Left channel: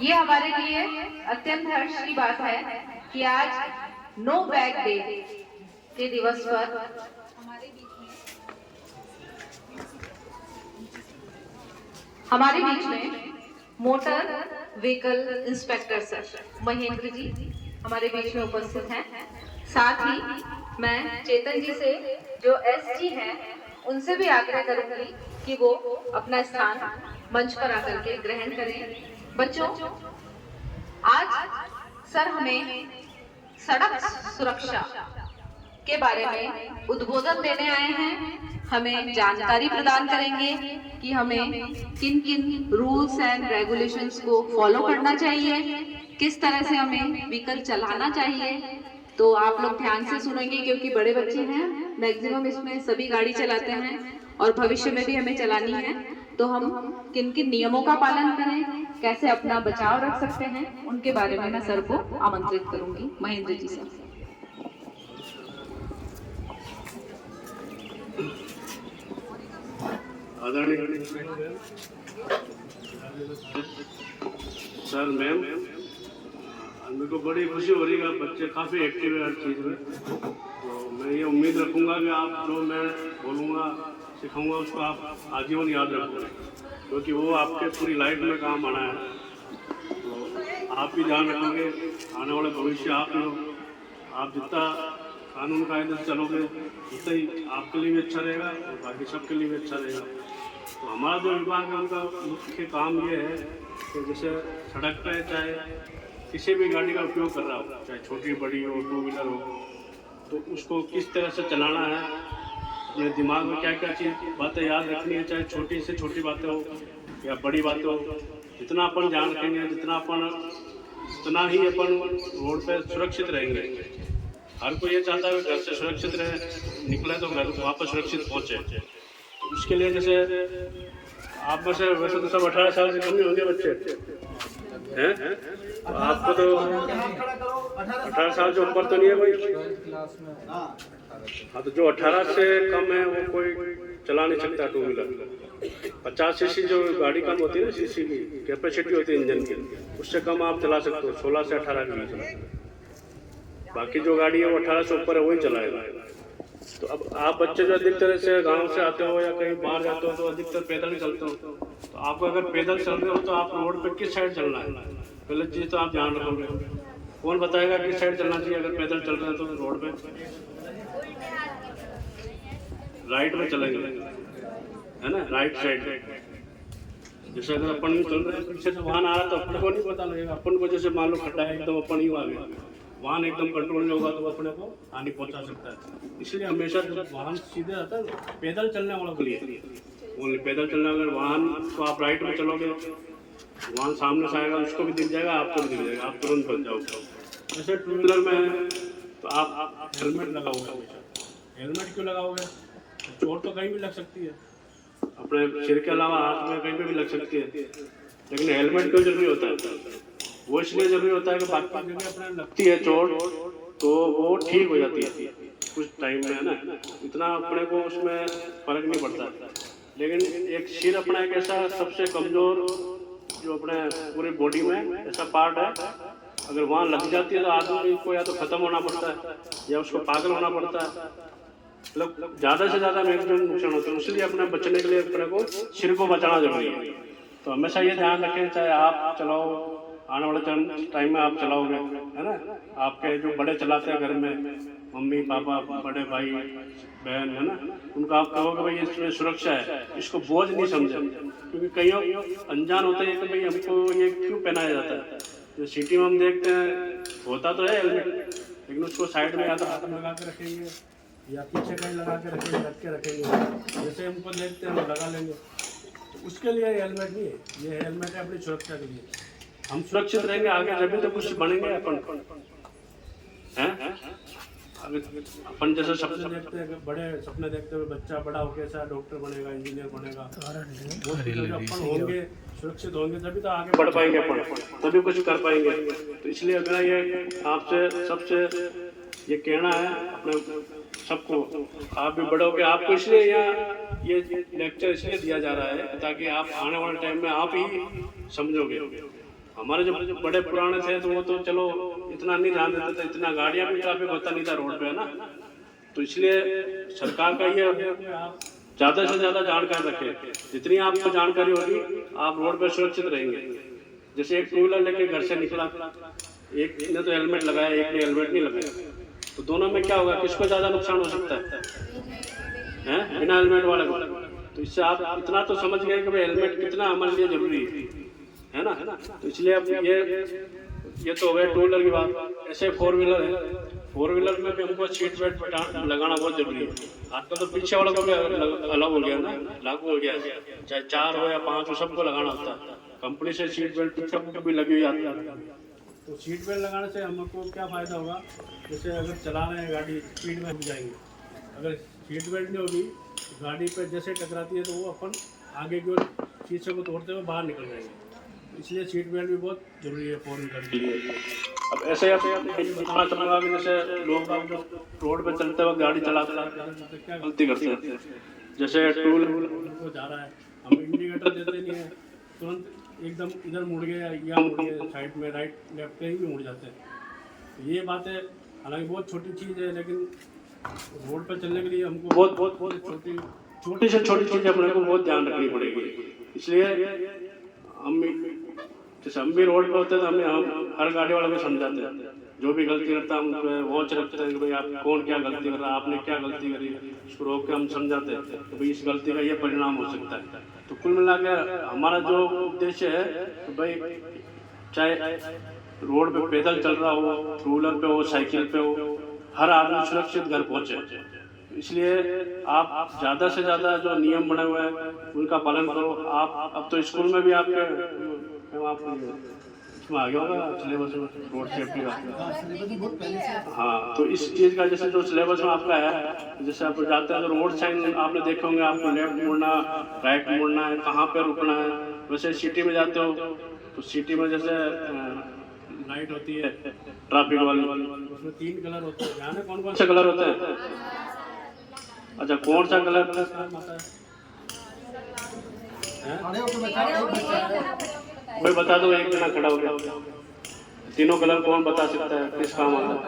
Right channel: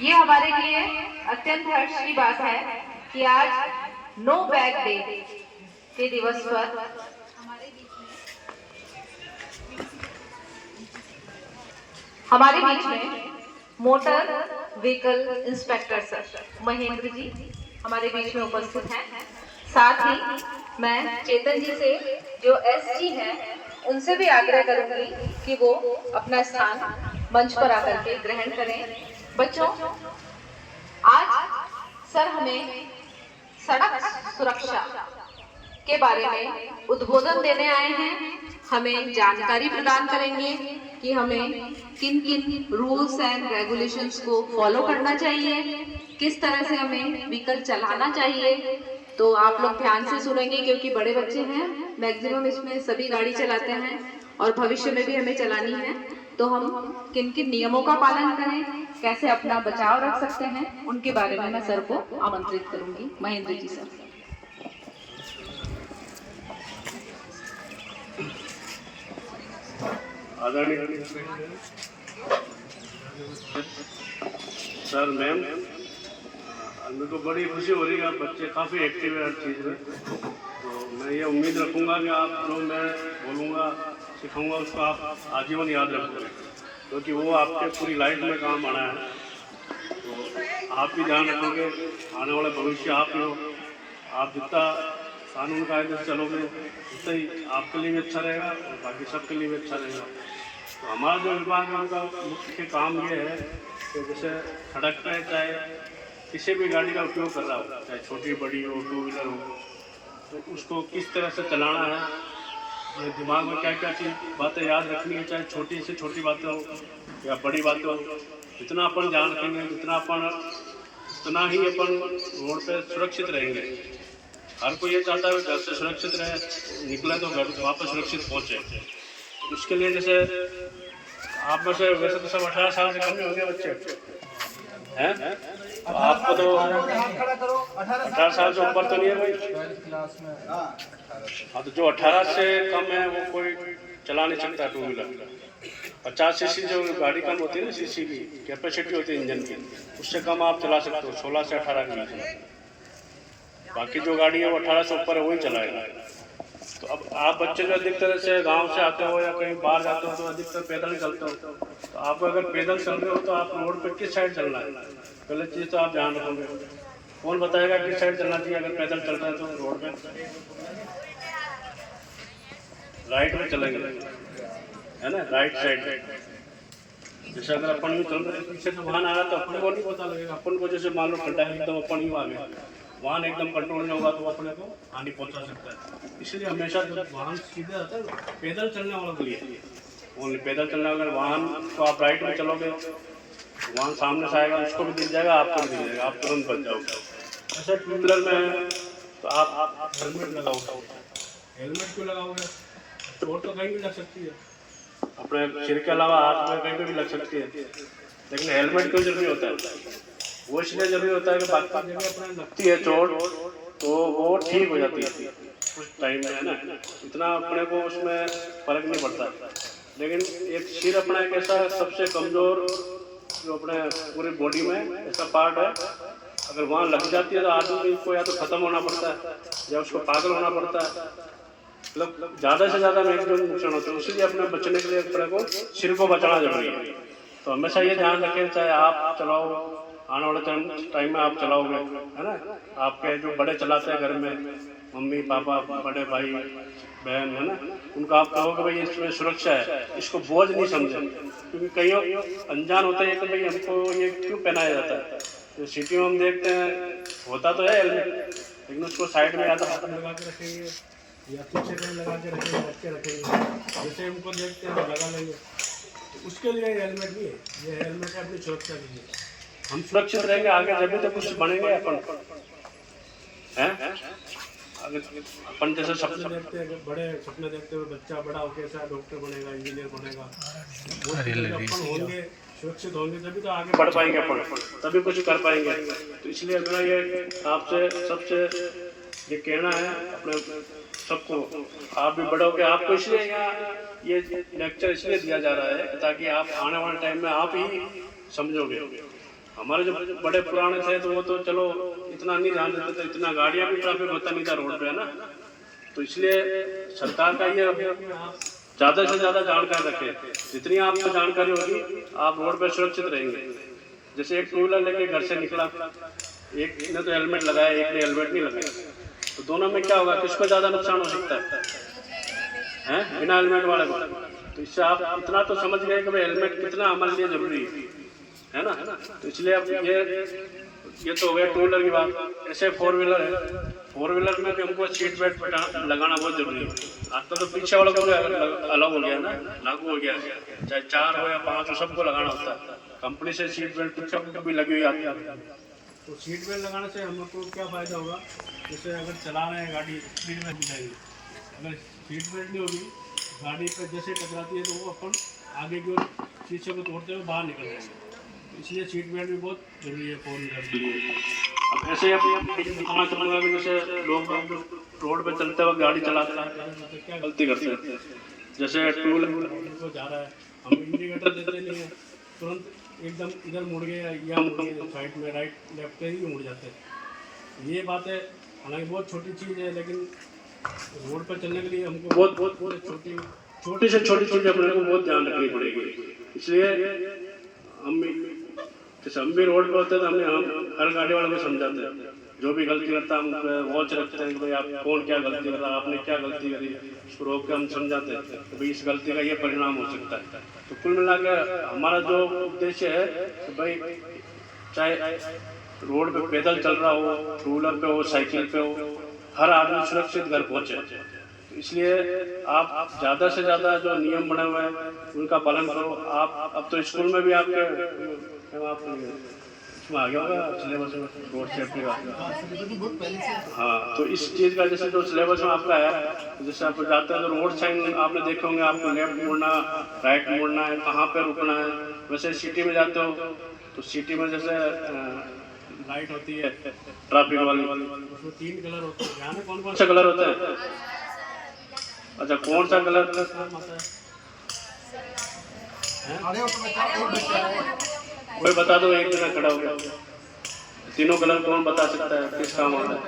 ये हमारे लिए अत्यंत हर्ष की बात है कि आज नो बैग डे के दिवस पर हमारे बीच में motor vehicle inspector sir Mahendra ji हमारे बीच में उपस्थित हैं। साथ ही मैं चेतन जी से जो एसजी हैं उनसे भी आग्रह करूंगी कि वो अपना स्थान मंच पर आकर के ग्रहण करें। बच्चों, आज सर हमें सड़क सुरक्षा के बारे में उद्बोधन देने आए हैं। हमें जानकारी प्रदान करेंगे कि हमें किन किन रूल्स एंड रेगुलेशंस को फॉलो करना चाहिए, किस तरह से हमें व्हीकल चलाना चाहिए। तो आप लोग ध्यान से सुनेंगे क्योंकि बड़े बच्चे हैं, मैक्सिमम इसमें सभी गाड़ी चलाते हैं और भविष्य में भी हमें चलानी है। तो हम किन किन नियमों का पालन करें, कैसे अपना बचाव रख सकते हैं, उनके बारे में मैं सर को आमंत्रित करूंगी। महेंद्र जी सर। आदरणीय सर, मैम, मेरे को बड़ी खुशी हो रही है। आप बच्चे काफ़ी एक्टिव है हर चीज़ में। तो मैं ये उम्मीद रखूँगा कि आप जो मैं बोलूँगा सिखाऊँगा उसको आप आजीवन याद रखोगे, क्योंकि वो आपके पूरी लाइफ में काम आना है। तो आप भी ध्यान रखोगे, आने वाला भविष्य आप ही हो। आप जितना कानून कायदे से चलोगे उतना ही आपके लिए भी अच्छा रहेगा और बाकी सबके लिए भी अच्छा रहेगा। तो हमारा जो विभाग है उनका मुख्य काम ये है कि जैसे सड़क पर चाहे किसी भी गाड़ी का उपयोग कर रहा हो, चाहे छोटी बड़ी हो, टू व्हीलर हो, तो उसको किस तरह से चलाना है, अपने दिमाग में क्या क्या चीज़ बातें याद रखनी है, चाहे छोटी से छोटी बातें हो या बड़ी बातें हो। जितना अपन ध्यान रखेंगे, जितना अपन उतना ही अपन रोड पे सुरक्षित रहेंगे। हर कोई ये चाहता है घर से सुरक्षित रहे, निकले तो घर वापस सुरक्षित पहुँचे। इसके लिए जैसे आप में से वैसे तो सब 18 साल से कम ही होंगे बच्चे हैं, तो आपको तो 18 साल से ऊपर तो नहीं है कोई। हाँ, तो जो 18 से कम है वो कोई चला नहीं सकता टू व्हीलर। 50 सीसी जो गाड़ी कम होती है ना, सीसी की कैपेसिटी होती है इंजन की, उससे कम आप चला सकते हो, 16 से 18 के बीच। बाकी जो गाड़ी है वो 18 से ऊपर है वही चलाएगा। तो अब आप बच्चे जो अधिकतर से गांव से आते हो या कहीं बाहर जाते हो तो अधिकतर पैदल ही चलते हो। तो आपको अगर पैदल चल रहे हो तो आप रोड पे किस साइड चलना है, पहले चीज़ तो आप ध्यान रखोगे। कौन बताएगा किस साइड चलना चाहिए? अगर पैदल चल रहे हैं तो रोड पे राइट में चलेंगे, है ना, राइट साइड। जैसे अगर अपन यूँ चल रहे हैं, पीछे से वाहन आ रहा है तो अपन को नहीं पता लगेगा। अपन को जैसे मान लो खड्डा है एकदम, अपन यूँ आ गए, वाहन एकदम कंट्रोल नहीं होगा तो अपने को हानि पहुंचा सकता है। इसलिए हमेशा जब वाहन सीधे आता है पैदल चलने वालों के लिए, ओनली पैदल चलने वाले वाहन को आप राइट में चलोगे, वाहन सामने से आएगा उसको भी दिख जाएगा, आपको भी दिख जाएगा, आप तुरंत बच जाओगे। ऐसे टू व्हीलर में तो आप हेलमेट लगाओगे। हेलमेट क्यों लगाओगे? चोट तो कहीं भी लग सकती है, अपने सिर के अलावा हाथ में कहीं पर भी लग सकती है, लेकिन हेलमेट क्यों जरूरी होता है? वो इसलिए जरूरी होता है कि बाकी जगह अपने लगती है चोट तो वो ठीक हो जाती है कुछ टाइम में, है ना, इतना अपने को उसमें फर्क नहीं पड़ता। लेकिन एक सिर अपना एक ऐसा सबसे कमज़ोर जो अपने पूरी बॉडी में ऐसा पार्ट है, अगर वहाँ लग जाती है तो आदमी को या तो ख़त्म होना पड़ता है या उसको पागल होना पड़ता है, मतलब ज़्यादा से ज़्यादा मैक्सिमम नुकसान होता है। इसलिए अपने बचने के लिए अपने को सिर को बचाना जरूरी है। तो हमेशा ये ध्यान रखें, चाहे आप चलाओ, आने वाले टाइम में आप चलाओगे, है ना, आपके जो बड़े चलाते हैं घर में, मम्मी पापा बड़े भाई बहन, है ना, उनको आप कहोगे भाई इसमें सुरक्षा है, इसको बोझ नहीं समझे। क्योंकि कई अनजान होते हैं तो भाई हमको ये क्यों पहनाया जाता है। तो सिटी में हम देखते हैं होता तो है हेलमेट, लेकिन उसको साइड में या तो हाथ में लगा के रखेंगे या पीछे कहीं लगा के रखेंगे, रख के रखेंगे, जैसे हमको देखते हैं वो लगा लेंगे। तो उसके लिए हेलमेट नहीं है, ये हेलमेट है अपनी सुरक्षा के लिए। हम सुरक्षित रहेंगे आगे जब तो कुछ बनेंगे अपन, हैं? अगर अपन जैसे सपने देखते हैं, बड़े सपने देखते हुए बच्चा बड़ा होकर ऐसा डॉक्टर बनेगा, इंजीनियर बनेगा, वो अपन होंगे, सुरक्षित होंगे तभी तो आगे बढ़ पाएंगे अपन, तभी कुछ कर पाएंगे। तो इसलिए मेरा ये आपसे सबसे ये कहना है अपने सबको, आप भी बड़े होकर आपको इसलिए यहाँ ये लेक्चर इसलिए दिया जा रहा है ताकि आप आने वाले टाइम में आप ही समझोगे। हमारे जो बड़े पुराने थे तो वो तो चलो इतना नहीं ध्यान देते थे, इतना गाड़ियां भी ट्रैफिक होता नहीं था रोड पे, है ना। तो इसलिए सरकार का ये ज़्यादा से ज़्यादा जानकारी रखें। जितनी आपको जानकारी होगी आप रोड पे सुरक्षित रहेंगे। जैसे एक टू व्हीलर लेके घर से निकला, एक ने तो हेलमेट लगाया, एक ने हेलमेट नहीं लगाया, तो दोनों में क्या होगा, किसको ज़्यादा नुकसान हो सकता है बिना हेलमेट वाले को। तो इससे आप इतना तो समझ गए कि भाई हेलमेट कितना हमारे लिए जरूरी है ना। तो इसलिए अब ये तो हो गया टू व्हीलर की बात। ऐसे फोर व्हीलर है, फोर व्हीलर में भी हमको सीट बेल्ट लगाना बहुत जरूरी है। आजकल तो पीछे वालों को भी अलग हो गया ना, लागू हो गया, चाहे 4 हो या 5 हो, सबको लगाना होता है। कंपनी से सीट बेल्ट पीछे को भी लगी हुई आती है। तो सीट बेल्ट लगाने से हमको क्या फ़ायदा होगा, जैसे अगर चला रहे हैं गाड़ी स्पीड में हम जाएंगे, अगर सीट बेल्ट नहीं होगी गाड़ी पे जैसे टकराती है तो वो अपन आगे की ओर शीशे को तोड़ते हुए बाहर निकल जाएंगे। इसलिए सीट बेल्ट भी बहुत ज़रूरी है फोर व्हीलर के लिए। अब ऐसे ही आप ये बताना चाहूँगा कि जैसे लोग रोड पे चलते वक्त गाड़ी चलाते हैं क्या गलती करते हैं। जैसे टू व्हीलर को जा रहा है, हम इंडिकेटर देते नहीं हैं, तुरंत एकदम इधर मुड़ गए या मुड़ गए साइड में, राइट लेफ्ट कहीं भी मुड़ जाते हैं। ये बातें हालांकि बहुत छोटी चीज़ है, लेकिन रोड पर चलने के लिए हमको बहुत छोटी से छोटी चीज़ अपने को बहुत ध्यान रखनी पड़ेगी। इसलिए हम भी रोड पर होते हैं तो हम हर गाड़ी वाले को समझाते हैं, जो भी गलती करता है हम उस पर वॉच रखते हैं कि भाई आप कौन क्या गलती कर रहा है, आपने क्या गलती करी, उसको रोक के हम समझाते हैं कि भाई इस गलती का ये परिणाम हो सकता है। तो कुल मिलाकर हमारा जो उद्देश्य है कि भाई चाहे रोड पे पैदल चल रहा हो, टू व्हीलर पे हो, साइकिल पे हो, हर आदमी सुरक्षित घर पहुँचे। तो इसलिए आप ज़्यादा से ज़्यादा जो नियम बने हुए हैं उनका पालन करो। आप अब तो स्कूल में भी आपके इसमें आ गया होगा सिलेबस में रोड सेफ्टी का। हाँ, तो इस चीज़ का जैसे जो सिलेबस में आपका है, जैसे आप जाते हैं तो रोड साइन आपने देखे होंगे, आपको लेफ्ट मुड़ना, राइट मुड़ना है, कहाँ पे रुकना है। वैसे सिटी में जाते हो तो सिटी में जैसे लाइट होती है ट्रैफिक वाली, उसमें 3 कलर होते हैं। ध्यान है कौन कौन सा कलर होता है? अच्छा, कौन सा कलर आता है? कोई बता दो, एक जना खड़ा हो गया। तीनों कलर कौन बता सकता है, किस काम आता है?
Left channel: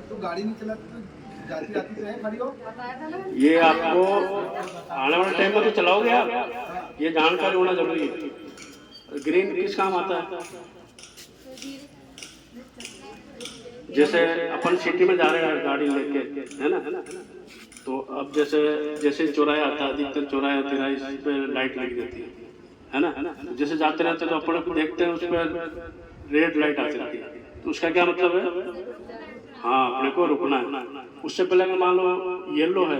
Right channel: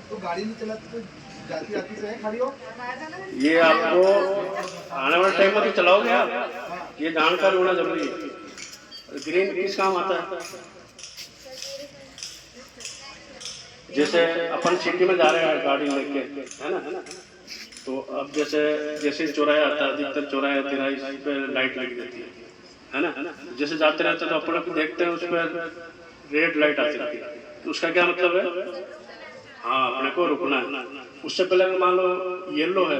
तो गाड़ी नहीं चलाती तो जाती आती से खड़ी हो। ये आपको आने वाले टाइम में तो चलाओगे आप, ये जानकारी होना जरूरी है। ग्रीन किस काम आता है? जैसे अपन सिटी में जा रहे हैं गाड़ी लेके, है ना, तो अब जैसे चौराहा आता है, अधिकतर चौराहे तिराहे पे लाइट लगी रहती है ना। जैसे जाते रहते तो अपने को देखते हैं उस पर रेड लाइट आती रहती है, तो उसका क्या मतलब है? हाँ, अपने को रुकना है। उससे पहले अगर मान लो येलो है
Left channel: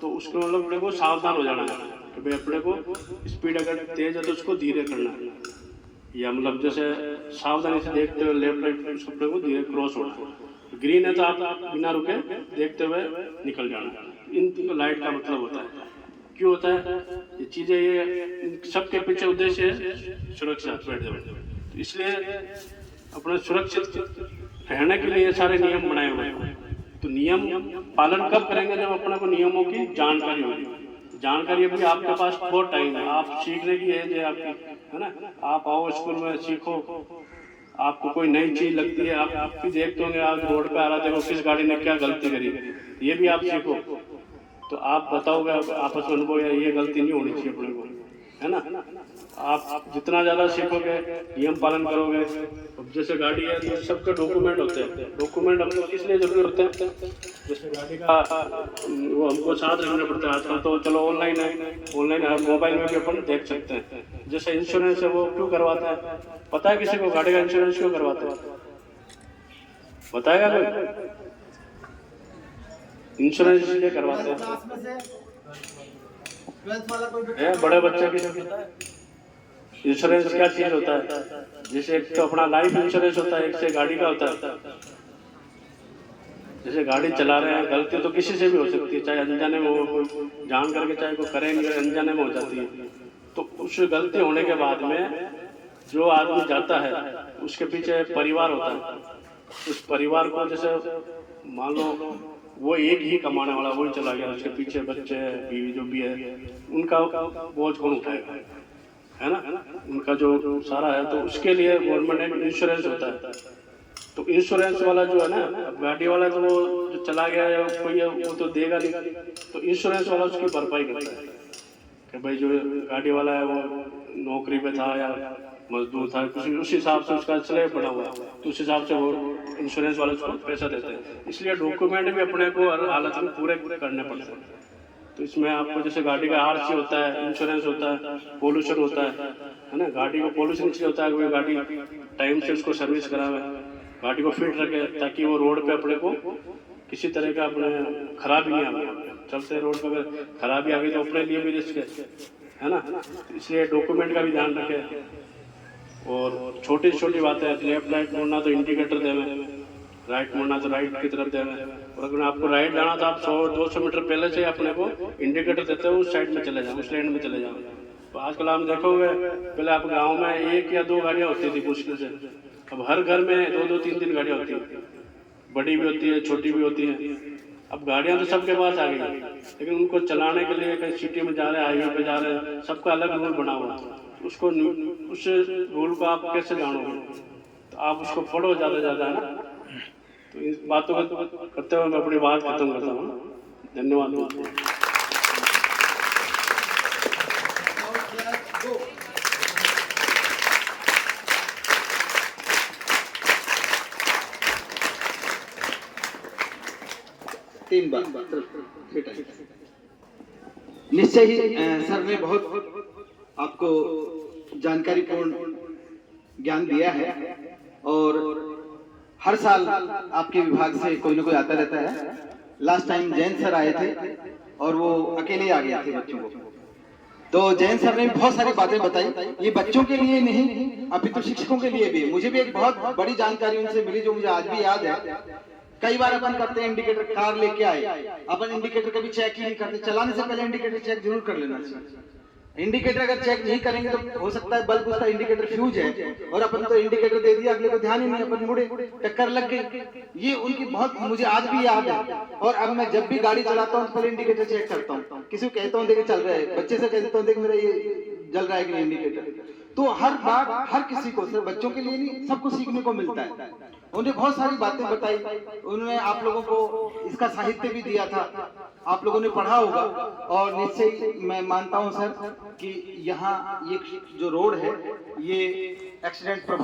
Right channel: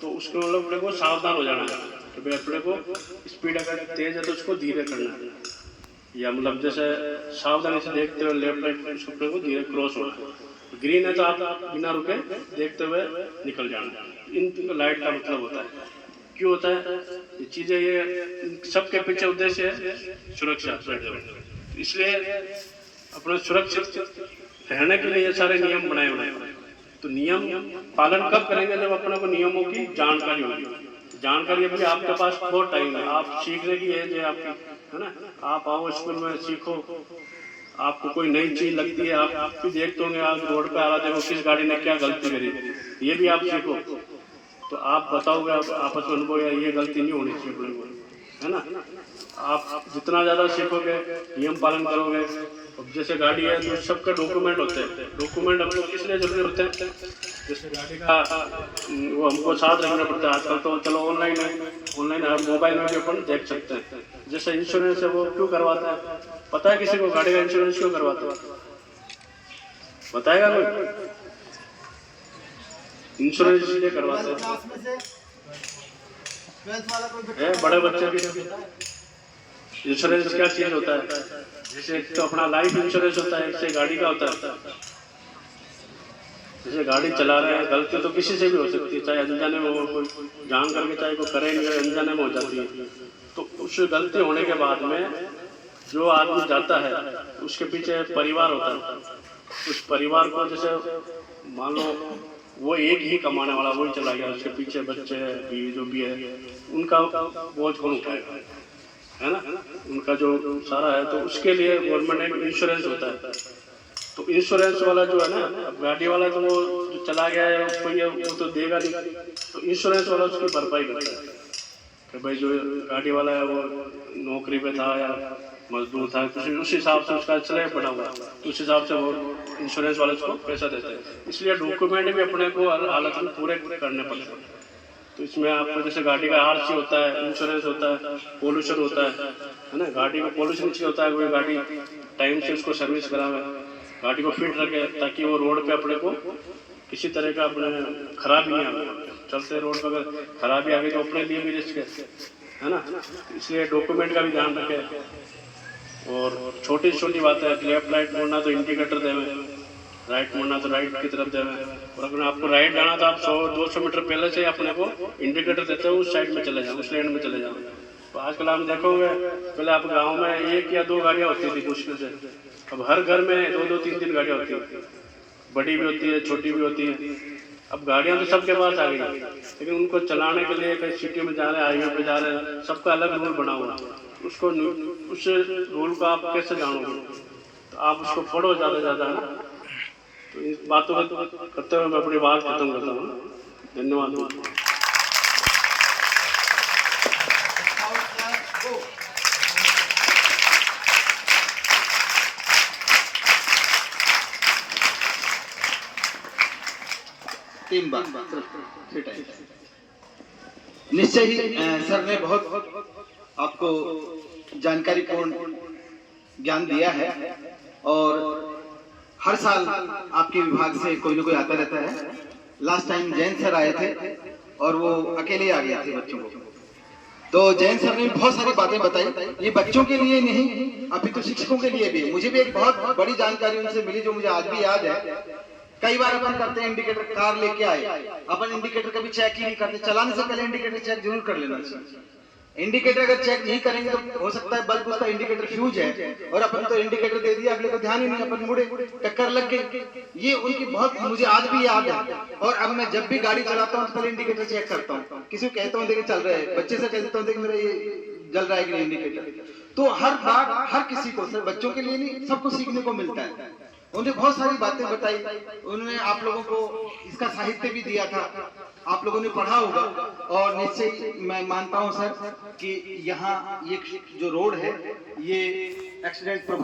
तो उसको मतलब अपने को सावधान हो जाना है कि भाई अपने को स्पीड अगर तेज है तो उसको धीरे करना है, या मतलब जैसे सावधानी से देखते हुए लेफ्ट राइट उसको अपने को धीरे क्रॉस होना है। ग्रीन है तो आप बिना रुके देखते हुए निकल जाना। इन लाइट का मतलब होता है, क्यों होता है ये चीज़ें, ये सबके पीछे उद्देश्य है सुरक्षा। तो इसलिए अपने सुरक्षित रहने के लिए ये सारे नियम बनाए हुए हैं। तो नियम पालन कब करेंगे? जब अपने को नियमों की जानकारी होगी। जानकारी अभी आपके पास बहुत टाइम है, आप सीखने की एज है आपकी, है ना। आप आओ स्कूल में सीखो, आपको कोई नई चीज़ लगती है, आप भी देखते होंगे, आप रोड पे आ रहा देखो किस गाड़ी ने क्या गलती करी, ये भी आप सीखो। तो आप बताओगे आपस में अनुभव, ये गलती नहीं होनी चाहिए अपने को, है ना। आप जितना ज़्यादा सीखोगे, नियम पालन करोगे। अब जैसे गाड़ी है तो सबका डॉक्यूमेंट होते हैं। डॉक्यूमेंट हम लोग किस लिए जरूरी होते हैं? जैसे गाड़ी का वो हमको साथ रखना पड़ता है। आजकल तो चलो ऑनलाइन है, ऑनलाइन आप मोबाइल में भी अपन देख सकते हैं। जैसे इंश्योरेंस है वो क्यों करवाते हैं? पता है किसी को गाड़ी का इंश्योरेंस क्यों करवाते हैं? बताएगा कोई? इंश्योरेंस इसलिए करवाते हैं, बड़े बच्चे भी इंश्योरेंस क्या चीज होता है। जैसे एक तो अपना लाइफ इंश्योरेंस होता है, एक से गाड़ी का होता है। जैसे गाड़ी चला रहे हैं, गलती तो किसी से भी हो सकती है, चाहे अनजाने में हो, कोई जान करके चाहे कोई करे नहीं, अनजाने में हो जाती है। तो उस गलती होने के बाद में जो आदमी जाता है उसके पीछे परिवार होता है। उस परिवार को जैसे मान लो वो एक ही कमाने वाला, वही चला गया, उसके पीछे बच्चे बीवी जो भी है, उनका बोझ कौन उठाएगा, है ना, उनका जो सारा है, तो उसके लिए गवर्नमेंट एक इंश्योरेंस होता है। तो इंश्योरेंस वाला जो है ना, अब गाड़ी वाला तो वो जो चला गया है कोई है, वो तो देगा नहीं, तो इंश्योरेंस वाला उसकी भरपाई करता है कि भाई जो गाड़ी वाला है वो नौकरी पे था या मजदूर था, उस हिसाब से उसका स्लैब पड़ा हुआ, तो उस हिसाब से वो इंश्योरेंस वाले उसको पैसा देते हैं। इसलिए डॉक्यूमेंट भी अपने को हर हालत में पूरे करने पड़ते हैं। तो इसमें आपको जैसे गाड़ी का आरसी होता है, इंश्योरेंस होता है, पोल्यूशन होता है ना, गाड़ी को पोल्यूशन इसलिए होता है कोई गाड़ी टाइम से उसको सर्विस करावे, गाड़ी को फिट रखे, ताकि वो रोड पे अपने को किसी तरह का अपने खराबी नहीं आवे। चलते रोड पर अगर खराबी आ गई तो अपने लिए भी रिस्क है ना, इसलिए डॉक्यूमेंट का भी ध्यान रखें। और छोटी छोटी बातें, लेफ्ट राइट मुड़ना तो इंडिकेटर देवे, राइट मुड़ना तो राइट की तरफ देवे, और अगर आपको राइट जाना तो आप 100-200 मीटर पहले से अपने को इंडिकेटर देते हो उस साइड में चले जाओ, उस लेन में चले जाओ। तो आजकल हम देखोगे, पहले आप गाँव में 1 या 2 गाड़ियाँ होती थी मुश्किल से, अब हर घर में 2-2, 3-3 गाड़ियाँ होती हैं, बड़ी भी होती है, छोटी भी होती है। अब गाड़ियाँ तो सबके पास आ गई, लेकिन उनको चलाने के लिए कहीं सिटी में जा रहे हैं, हाईवे पे जा रहे हैं, सबका अलग रूल बना हुआ है। उसको उस रूल को आप कैसे जानोगे, तो आप उसको पढ़ो ज़्यादा है ना। तो इस बातों को करते हुए मैं अपनी बात खत्म करता हूँ। धन्यवाद। तीन बार निश्चय ही सर ने बहुत आपको जानकारीपूर्ण ज्ञान दिया है, और हर साल आपके विभाग से कोई ना कोई आता रहता है। लास्ट टाइम जैन सर आए थे और वो अकेले आ गए थे बच्चों को, तो जैन सर ने बहुत सारी बातें बताई। ये बच्चों के लिए नहीं, अभी तो शिक्षकों के लिए भी। मुझे भी एक बहुत बड़ी जानकारी उनसे मिली जो मुझे आज भी याद है। कई बार अपन करते हैं इंडिकेटर, कार लेके आए, अपन इंडिकेटर कभी चेक ही नहीं करते। चलाने से पहले इंडिकेटर चेक जरूर कर लेना चाहिए। इंडिकेटर अगर चेक नहीं करेंगे तो हो सकता है बल्ब उसका इंडिकेटर फ्यूज है, और अपन तो इंडिकेटर दे दिया, अगले को ध्यान ही नहीं, अपन मुड़े, टक्कर लग गई। ये उनकी बहुत मुझे आज भी याद है। और अब मैं जब भी गाड़ी चलाता हूँ तो पहले इंडिकेटर चेक करता हूँ। किसी को कहता हूँ देखे चल रहा है, बच्चे से कहता हूँ देख मेरा ये जल रहा है कि नहीं इंडिकेटर। तो हर बार हर किसी को, सिर्फ बच्चों के लिए नहीं, सबको सीखने को मिलता है। उन्होंने बहुत सारी बातें बताई, उन्होंने आप लोगों को इसका साहित्य भी दिया था, आप लोगों ने पढ़ा होगा। और निश्चय मैं मानता हूं सर कि यहाँ ये जो रोड है ये एक्सीडेंट